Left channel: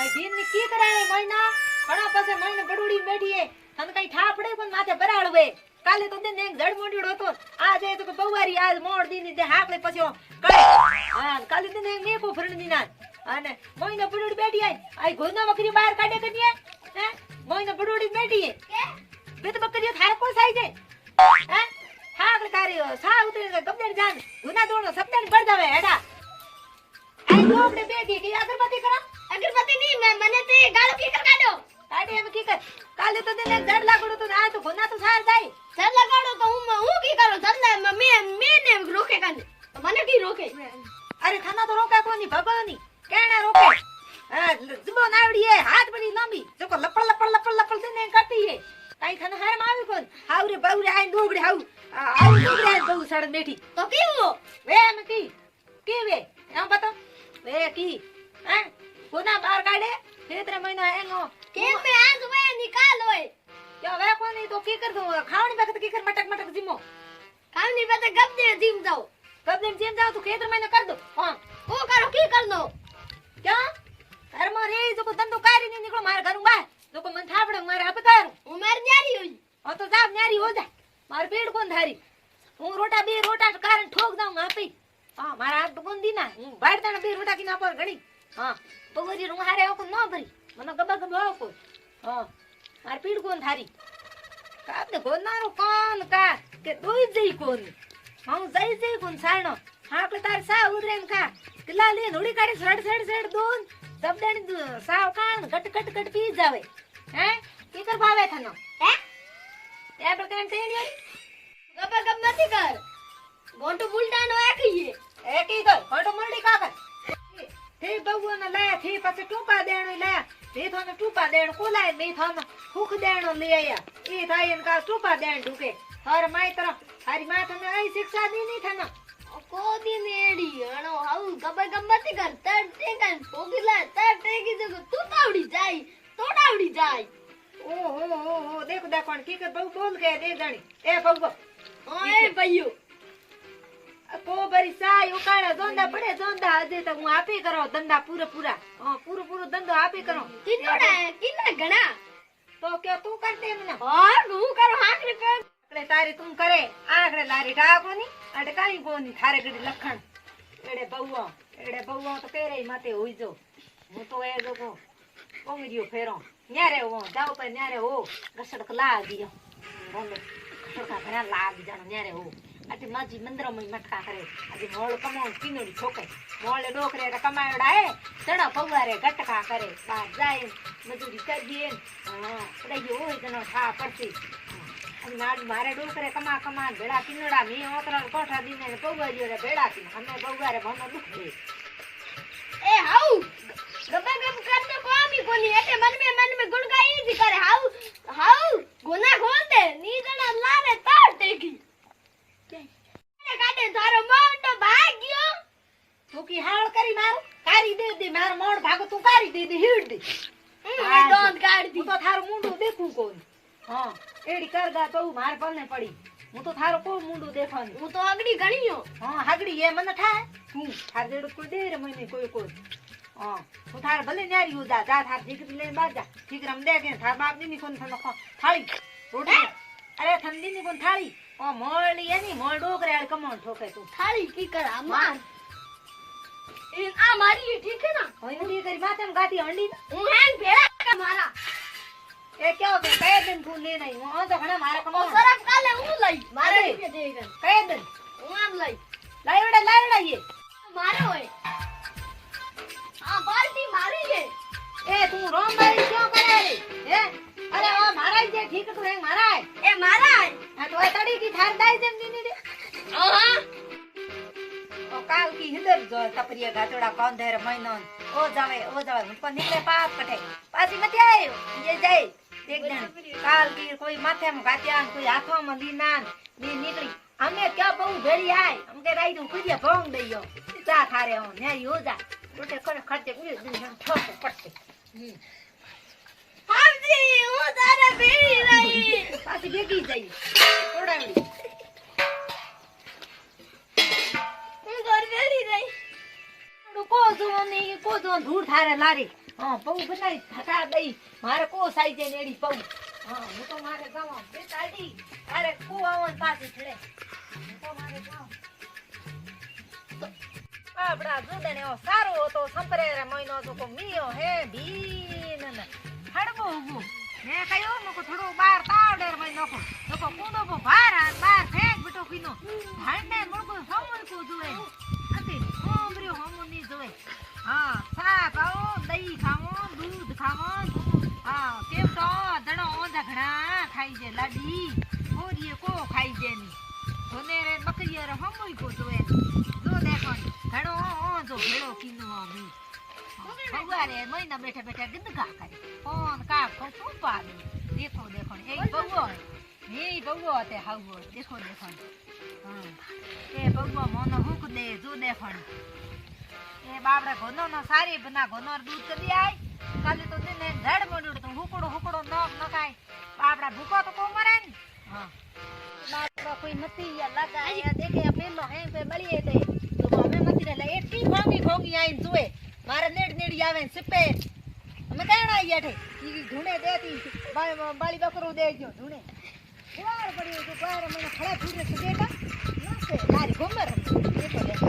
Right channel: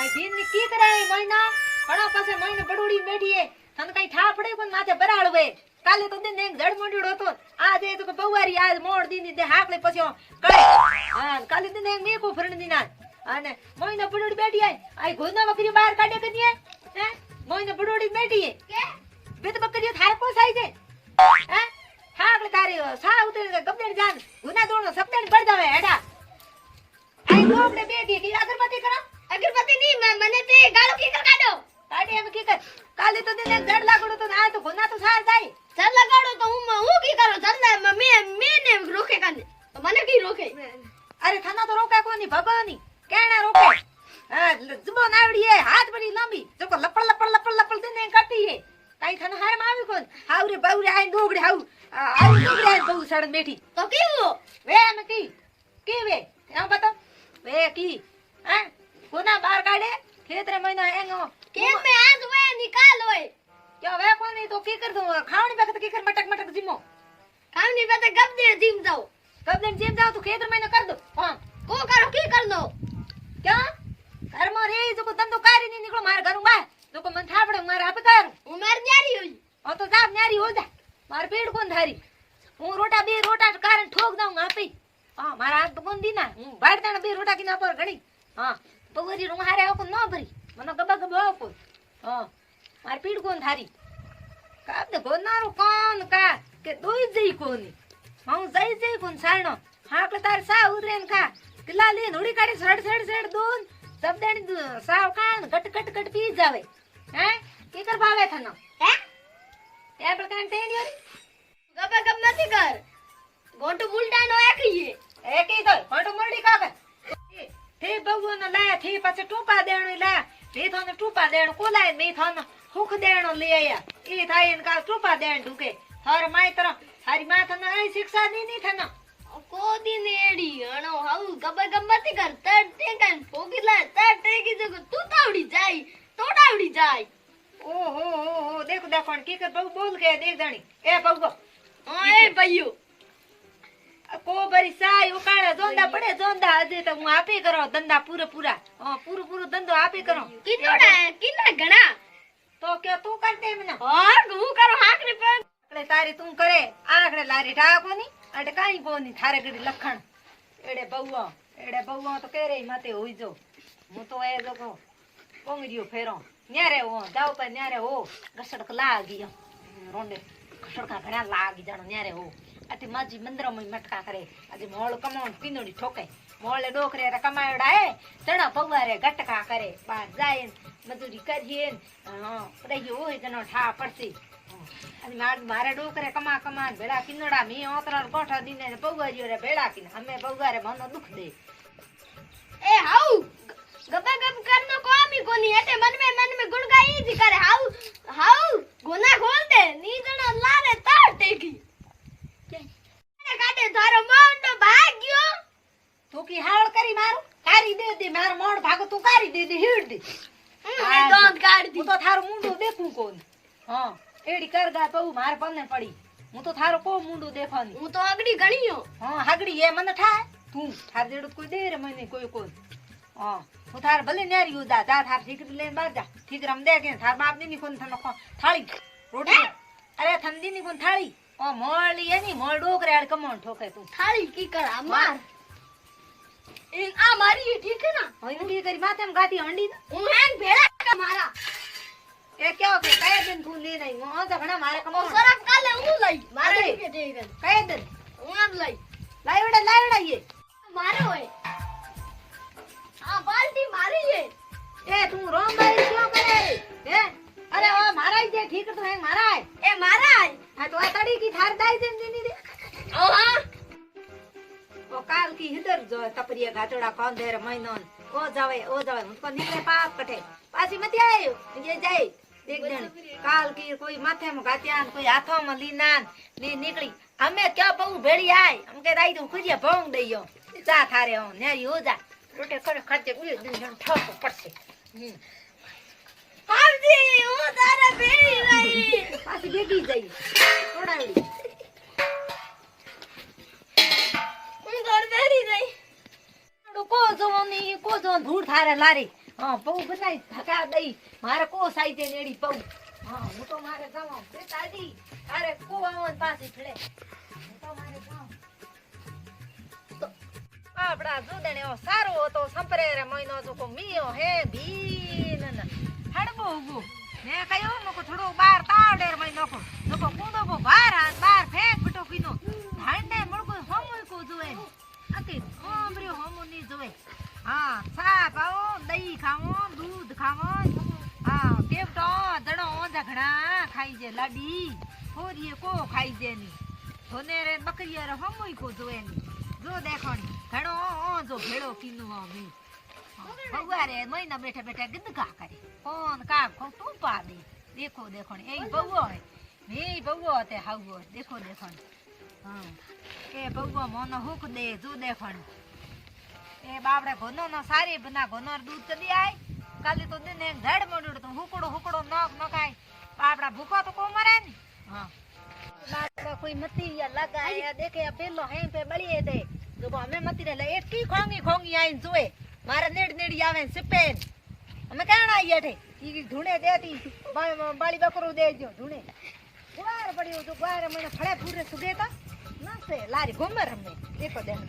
આ દીન ની કી કરાય મહિના ઘણા પાસે મહિને બડુડી બેઠી હે તને કઈ ઠા પડે પણ માથે બરાડવે કાલે તો દે એક જડ મોંડીડો હતો આજે તો કે બવારી આજ મોડ દીની દે હાકલે પછી કળે હા કાલે દે એક મેકો ફરણ દીના અને મહિને બડુડી બેઠી આઈ ગોના બકરી બહાર કાઢે કદીએ હે મહિને બડુડી બેઠી હે કે બે તો બકરીઓ થાય કો સાઈ છે હે હાકલે તારી સા ઉતરી ગબડે જાન ગુના દોણો સપડાને પડદાવે હેડા આઈ ગોબડે બેઠી કે અગરબત્તી કરો અગરબત્તી ની મને તે ગાળો કી કર કાઢો કાઢે એમ કી કર કાલે તો દેને જડ લાગડો તો આ તો ગુના તો સાર જાય જડ લગાડો તો હું કી કરું જડ મેને રોકે કાને તો મને કી રોકે અરે થાના તો રોકે કોની ભગવાની કેણે રોકે હા જબો નાવડી હે હાથ બની લાંબી જો લપડ દેને કાટી હે કાઈ થાને હાર માં આવી કોન હાવરે બાવરે આઈ દોગડી હાવ આઈ દોગડી બહુ સડન બેઠી તો કેવો વે એમ કી કેવે એમ બતો વે કી હે કોના બાર કાઢે ખેતરે મહિના એનો કેમ મે આજ વે નિકાલ હોય ક્યો વે કોની તો કી કર દો ખાવણી વખત કી કર મટક જીમો ખાવણી વખત ગબદે જીમ જાવ તો ખેતર મહિના કર દો હા કો કરો કી કર દો ક્યાં ઘર માં રે જો કો ધંધો કરી ની નીકળો માર ઘરું બા જો કો મન થાપડે માર આપે કરું હું માર ન્યારી હોઈ ઓ તો જાબ ન્યારી હો જા માર પેડ કોણ ધારી હું રોટા બે રોટા કારણ ઠોક દઉં આપી હા મારા હાથ તો કોણ દી ના હું બાડતાના બે રોટા કિના પર ઘણી હા પગરી રૂ હારે આવો ન ભરી મને ગબા આવો હા માર પીડ કોણ ધારી કાબને ગોનારો કોણ કા કે દોઈ જઈ કોણ હું જઈ કોણ સાણો હા કે તાર સા ઉડરેન કા કિલા લે નોડી કાઢી સડ દોન સબદાણી સાવ કાણ કટ પી જાવે હે કે કર ભાવે થનો હે એ પ્રકાર તેણી ગબા ગબ નથી કર ગોંટુ બુલટાનો એકીએ એકી તો ગોંટુ મુરડી કાકા તે બગુને લે થી પછી ટૂપા દેણો લે મે થોને ટૂપા દેણ કોલાય મે થોને હુખ દેણો લે આયા ઈ થાય ને કા ટૂપા દેણ ઢુકે હર માય તર હારી માં થને આઈ શિક્ષા દી ની થને કોદી નેડી અણો હાઉ ગબતી કર તડ ટેકન પોગીલા તડ ટેકી દે તું તાવડી જાય તોડાવડી જાય ઓહો દેખો કી કર બહુ બોલ કે દે જાણી એ બગો એ ભઈયો કો બરી સાય ઉકાળે જોંદા પડે જોંદા આજે તો હું આપી કરો ધંધા પૂરા પૂરો ધંધો આપી કરો કિના ઘણા તો કે તું કર દે મને હા હું કરું હાકને પે એટલે તારી તું કરે આખડે લારી ઢાકોની અડે કાઈ કોની થારે ગડી લખણ એડે બહુઓ તો કેરે માતે હોઈ જો હું તો એ લોકો કોંગરીઓ ફેરો ન્યારે હો જાવ તો ન્યારે હો રસડક લાગી રોમે રસડકા ભરા લાગી જાણો ન્યારે હો આથી માજી મંદરમય મટકા કરે આજે મોળ કમાણ પીનડી ઠોકે મોળે ડોકરે કમાડા હે ચણા પવારે ગટકા કરે બાર જાય મજૂરી કરીએ હા પડાઈ હોય ગનો ઠા પડતી અને નાડ મારે ડોકરે કમા ભેડા પીનડા મી ઓતરા કોઠા દીને પવારીઓ રે ભેડા પીન અમે પવારે મનો દુખ દે એ હાઉ ગબગબ કરનો કોમી કોની એટલે મન મે ગુણગાઈ જી કરે હાઉ ગોના ખોલ દે ની જણા લારે તાર ટેકી કાટે તારો મોંડો ભાગ્યો તું કી હાળ કરી મારું કારી દે મારો મોંડ ભાગો તું કારી દે હીડ દે એ દોંત કાઢી દી હું તો થારું મુંડું દેખું કોણ હા એડી કરદા તો માર પને પડી હું તો થારો કો મુંડું દેખાનું હું તો આગડી ગણીયો હા આગડી એ મને ઠા તું થાર દેડું કોઈ દે રે મને કોઈ હા હું થાર ભલે ન્યારી હો જા થાર ઠીકરી લઈને બાર જા ઠીકરમ દે કે થાર બાપ ની કોણ થનો થાળી રોટી અરે ઠંડી ની કોણ થાળી ઓ મોળી એની મોળ ડોકરે આડ કમણ ઠોકે તું થાળી કી કર આ માર ઈ આ મારી ઠીક હે ના હોય નું કરી માથેમ ગાતી હંડી હું હેંગ ભેળા મારા એ કેવો કે કયા દિન તું લે નહીં હું તો ઘણા મારા કમણ સરફ કાલે હું લઈ મારે કયા દિન હું આમ લઈ લાવડા એ મારે હોય આ બાલટી મારી હે એ તું રોમ બાઈ ક્યાં કરે હે અરે ઓ મારા જે ઠીક તો હે મારા એ મારા આ તો તડી કી થાર દાઈ દેમ ની રે હા તો કાલ કી હિદર જો કપરિયા ગાતોડા પાંધેર મહિનો ઓ જાવે મુકો નીકળે પાપ કઠે પાછી મતી આયો જે જાય એક જણ કાલ કી કોઈ માથેમાં ગાત્યા કોઈ હાથોમાં લીના ની નીકળી અમે ક્યાં બહુ ભેળી આય અમ કે રાઈ તું ખુજિયા ભોંગ દઈયો ચા થારે હો ન્યારી હો જા રોટે કરે ખાતે ઉઈ દિન ઠોકો પડશે આવજી હું તારા ભેળી રહી પાછી બેગી જઈ થોડાડી હું ઘર ભેળી રહી કો જો ધૂળ થારે લારી હા પૌ બનાવી થતા દઈ મારે કો સાઈ છે નેડી પૌ હા હું તો મારે જાઉં બે તાડી અરે કો આવન પાછી છડે હું તો મારે જાઉં આપડા જોડે એવો સારો હતો સંપરેરે મહિનો તો કો મિયો હે ભીન ને હડબો ઉગો મે કયો મકો થોડો બાર તાવડેર મહિનો કો લોકો કૂદો બો બાર બાર ફેંક બટો કીનો ભાંડે મળકો હમુલ કો જોએ અતી હોમર્યો હમુ ની જોએ હા સાપ આવો દહીં ખાવો દૂધ ખાવો હા કેમ તો દડો ઝઘડા ખાઈ જે લાડી હોરીએ કો ખાઈ જે ની હોનેરે બકરીઓ રે હમુઈ કો જોએ જો દેખો ઘણો જો ભેળો કીનો મી ભગવારે મહિના બેઠા બેઠા ગંદકા કરે કોણ કાક કો શું પાડે દેખો દેખો એ બહુઓ એ બહુઓ તે હાવો દેખો દેખો હા એ બહુઓ મોનો હુક દે જો દેખો એ બાપડે ઘોનો નો સારી બના ઘોનો દૂધ કદી આય કાલે તો દિને ઝાડ મોડ્યો તો હુકડો નોક નકાય બાપડા ભૂકો તો કો મરે ને હા લાકડા કોઈ નથી યા લગાયા દેખે પેલો હે પે બળીએ દે તો અમે મતી લે એટલી ખોંગી આઈને જોએ મારે નેડી આવે ને સિપે અમે કાણ આઈ યાઠે ઈ ધૂણે દેતી બાળી બકરું દેજો ધૂણે વાર પડ્યો તો બાર મને ખડા ફૂરે સુદેતા નસે લારી ઘુમર હમ દેખો દેખો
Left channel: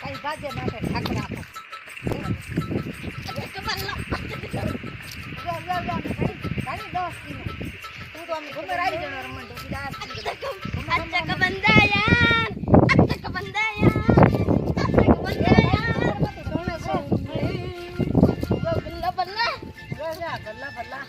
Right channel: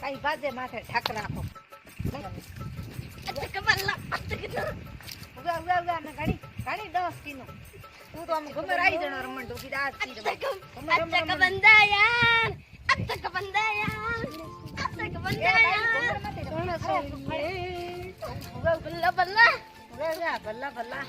કઈ બાજે માથે ઠાક રાખો ઘણી 10 કિલો તું તો અમે ઘુમર આવી જણો રમણ તો કીધા બલ્લા